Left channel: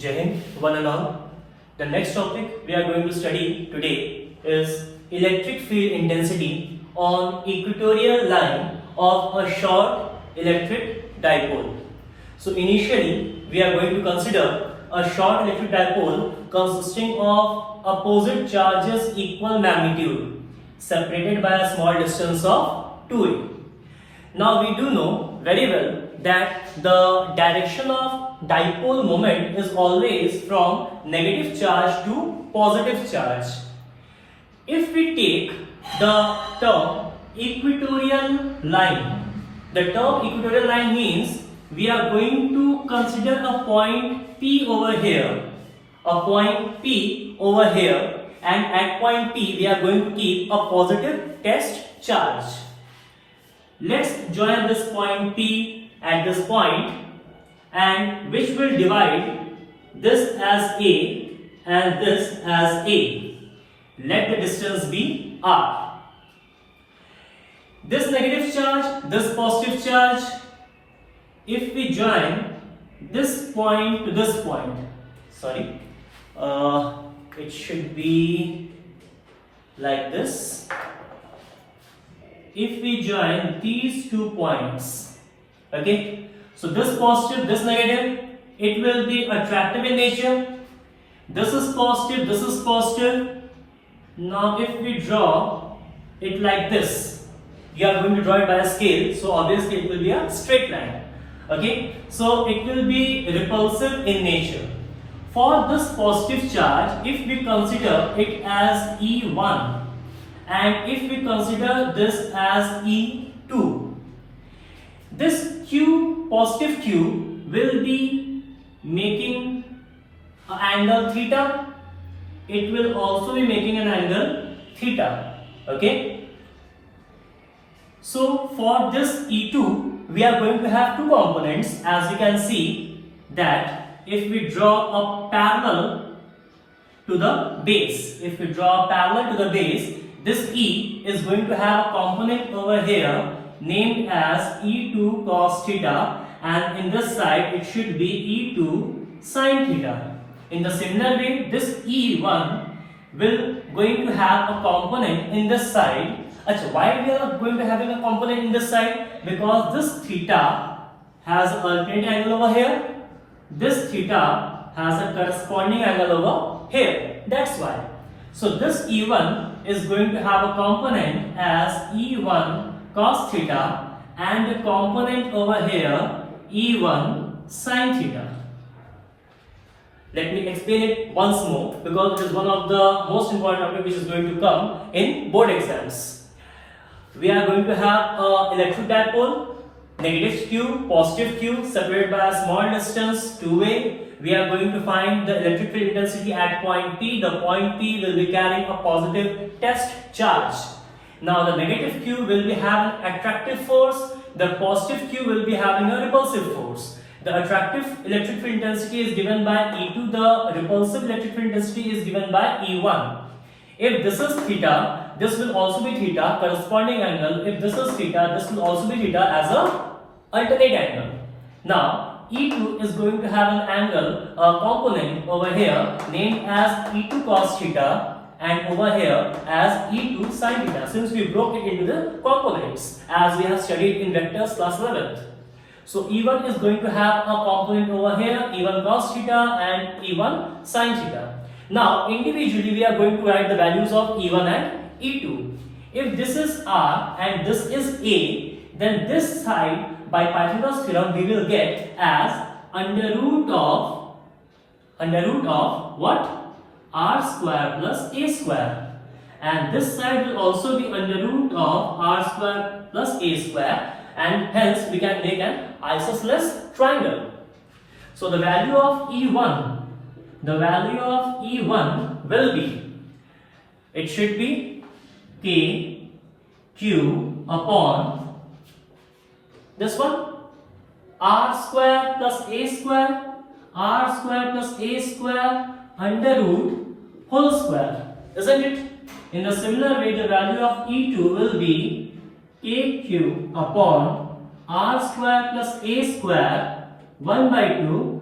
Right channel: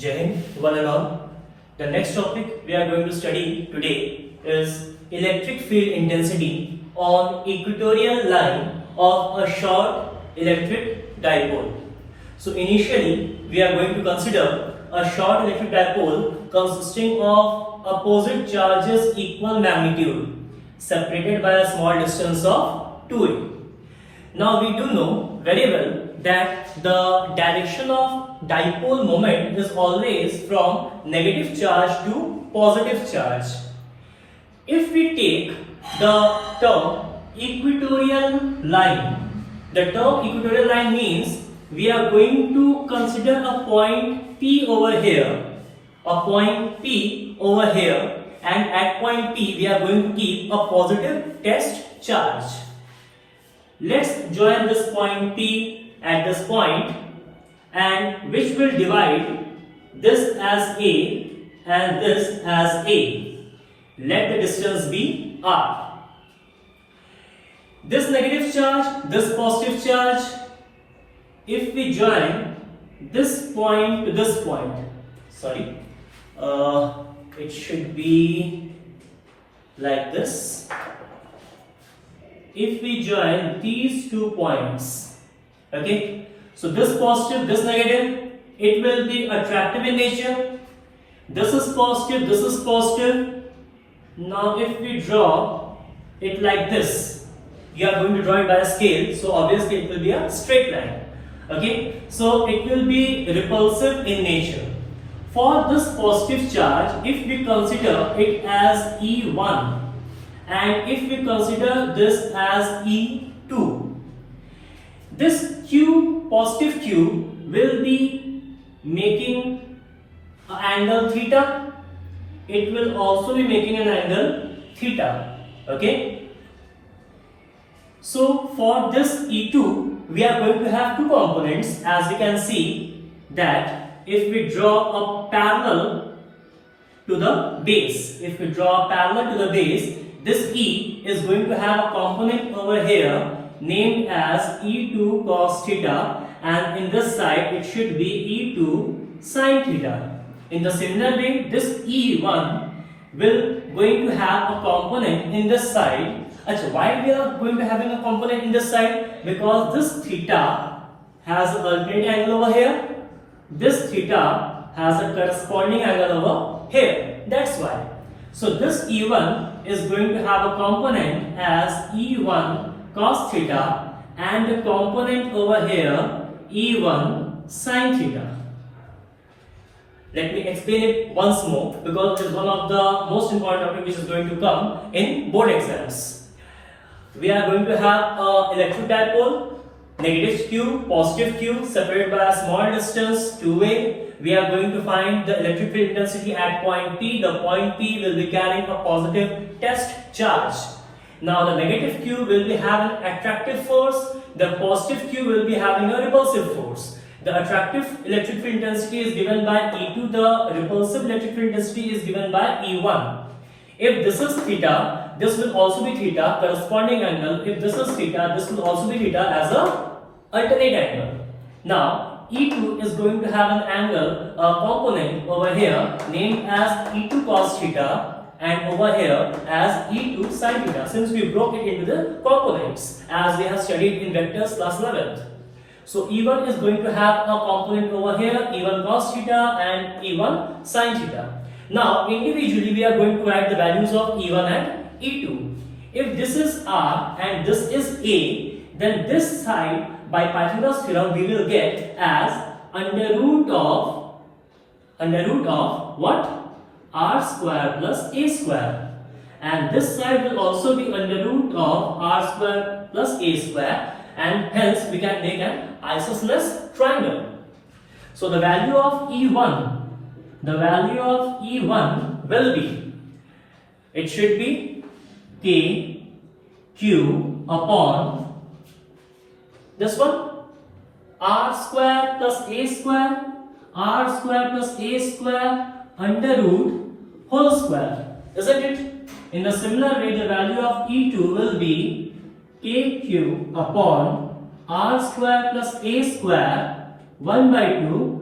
Jai Hind, one and all. The next topic we are going to study today is electric field intensity on equatorial line of a short electric dipole. So initially we are going to consider a short electric dipole consisting of opposite charges equal magnitude separated by a small distance of 2a. Now we do know very well that the direction of dipole moment is always from negative charge to positive charge. If we take the term equatorial line, the term equatorial line means we are going to consider a point P over here, and at point P we are going to keep a positive test charge. Let's join this point P at this point, and which will divide this as A and this as A. Let the distance be R. This negative charge, this positive charge, if we join this point to this point, it should be like this. If we join these 2 points, okay, so this positive, this negative, it will be attractive in nature. This is positive, this is positive. Now if we draw it like this, we are going to draw it by a scale, so obviously it will be a straight line. Okay, so it will be repulsive in nature. For this positive charge, if we consider it as E1, and if we consider this as E2, this Q, positive Q, will be making an angle theta. It will also be making an angle theta. Okay. So for this E2, we are going to have two components, as we can see that if we draw a parallel to the base, this E is going to have a component over here named as E2 cos theta, and in this side it should be E2 sin theta. In the similar way, this E1 will going to have a component in this side. Why we are going to having a component in this side? Because this theta has an alternate angle over here. This theta has a corresponding angle over here. That's why. So this E1 is going to have a component as E1 cos theta and a component over here E1 sin theta. Let me explain it once more, because it is one of the most important topics which is going to come in board exams. We are going to have an electric dipole, negative Q, positive Q, separated by a small distance, 2a. We are going to find the electric field intensity at point P. The point P will be carrying a positive test charge. Now the negative Q will be having attractive force, the positive Q will be having a repulsive force. The attractive electric field intensity is given by E2, the repulsive electric field intensity is given by E1. If this is theta, this will also be theta, corresponding angle. If this is theta, this will also be theta as a alternate angle. Now E2 is going to have an angle, a component over here named as E2 cos theta, and over here as E2 sin theta, since we broke it into the components as we have studied in vectors class 11th. So E1 is going to have a component over here, E1 cos theta and E1 sin theta. Now individually we are going to write the values of E1 and E2. If this is R and this is A, then this side by Pythagoras theorem we will get as under root of what? R square plus A square, and this side will also be under root of R square plus A square, and hence we can make an isosceles triangle. So the value of E1 will be, it should be K Q upon this one, R square plus A square, R square plus A square under root whole square, isn't it? In the similar way, the value of E2 will be KQ upon R square plus A square 1 by 2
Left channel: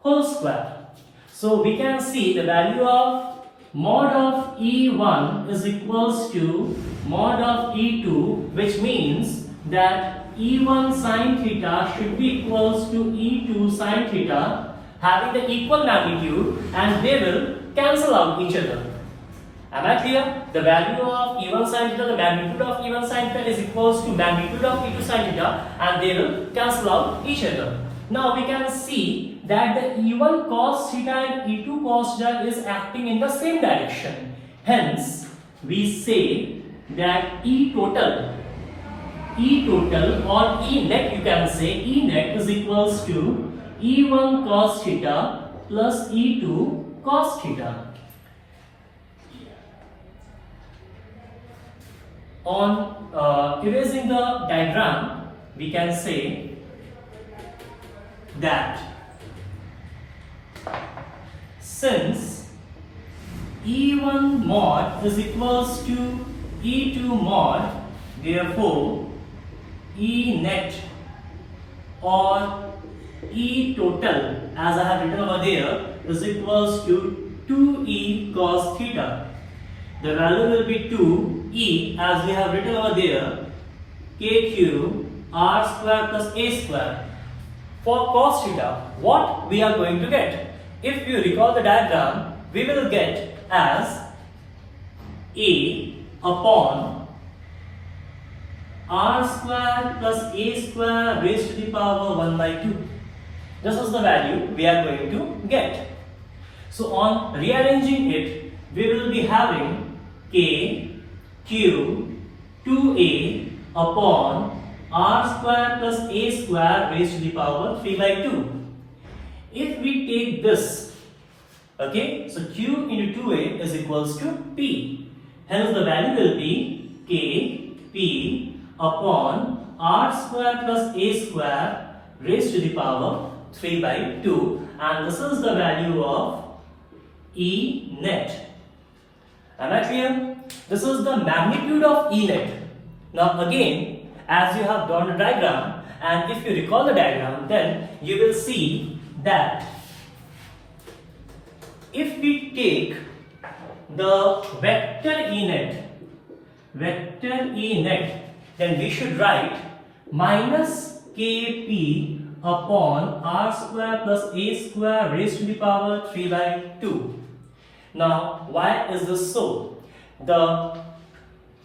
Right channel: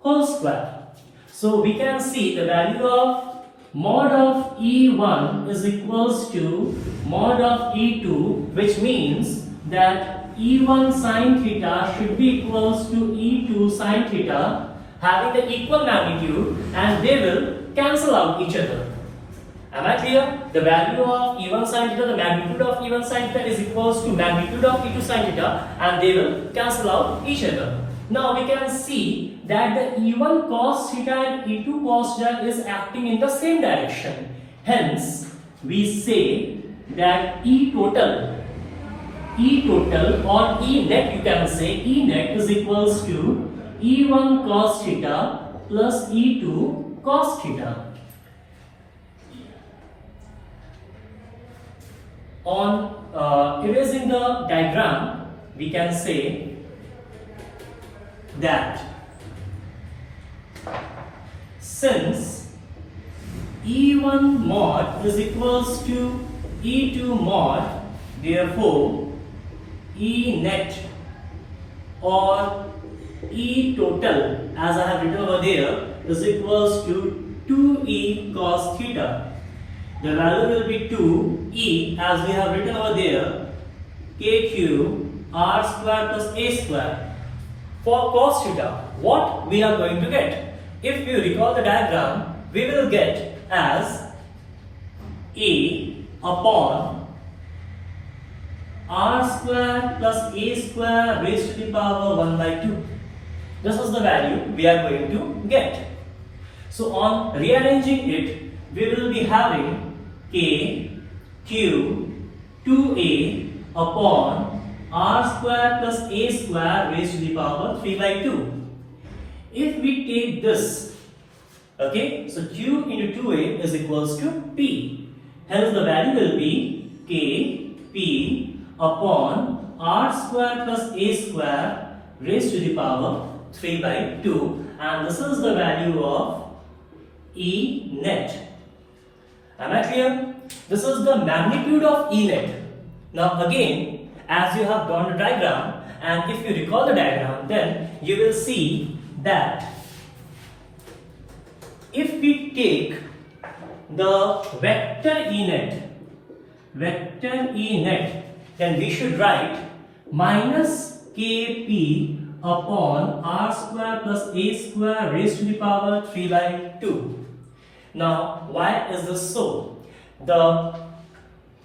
whole square. So we can see the value of mod of E1 is equals to mod of E2, which means that E1 sin theta should be equals to E2 sin theta, having the equal magnitude, and they will cancel out each other. Am I clear? The value of E1 sin theta, the magnitude of E1 sin theta is equals to magnitude of E2 sin theta, and they will cancel out each other. Now we can see that the E1 cos theta and E2 cos theta is acting in the same direction. Hence, we say that E total or E net, you can say E net is equals to E1 cos theta plus E2 cos theta. On erasing the diagram, we can say that since E1 mod is equals to E2 mod, therefore E net or E total, as I have written over there, is equals to 2E cos theta. The value will be 2E, as we have written over there, KQ R square plus A square. For cos theta, what we are going to get? If you recall the diagram, we will get as A upon R square plus A square raised to the power 1 by 2. This is the value we are going to get. So on rearranging it, we will be having K, Q, 2A upon R square plus A square raised to the power 3 by 2. If we take this, okay, so Q into 2A is equals to P. Hence the value will be K, P upon R square plus A square raised to the power 3 by 2, and this is the value of E net. Am I clear? This is the magnitude of E net. Now again, as you have drawn the diagram, and if you recall the diagram, then you will see that if we take the vector E net, then we should write minus Kp upon R square plus A square raised to the power 3 by 2. Now, why is this so? The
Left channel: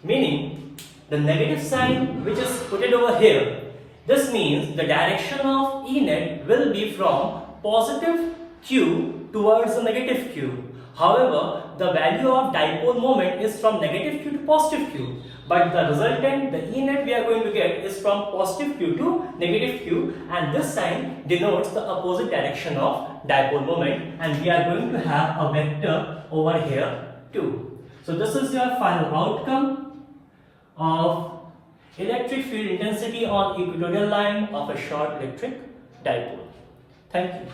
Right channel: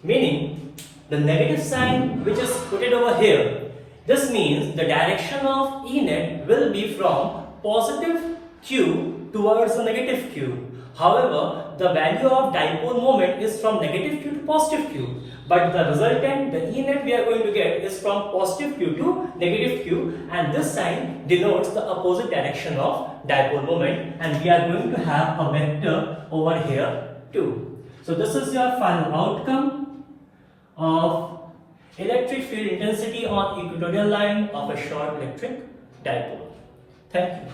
meaning, the negative sign which is put it over here, this means the direction of E net will be from positive Q towards the negative Q. However, the value of dipole moment is from negative Q to positive Q. But the resultant, the E net we are going to get is from positive Q to negative Q, and this sign denotes the opposite direction of dipole moment, and we are going to have a vector over here too. So this is your final outcome of electric field intensity on equatorial line of a short electric dipole. Thank you.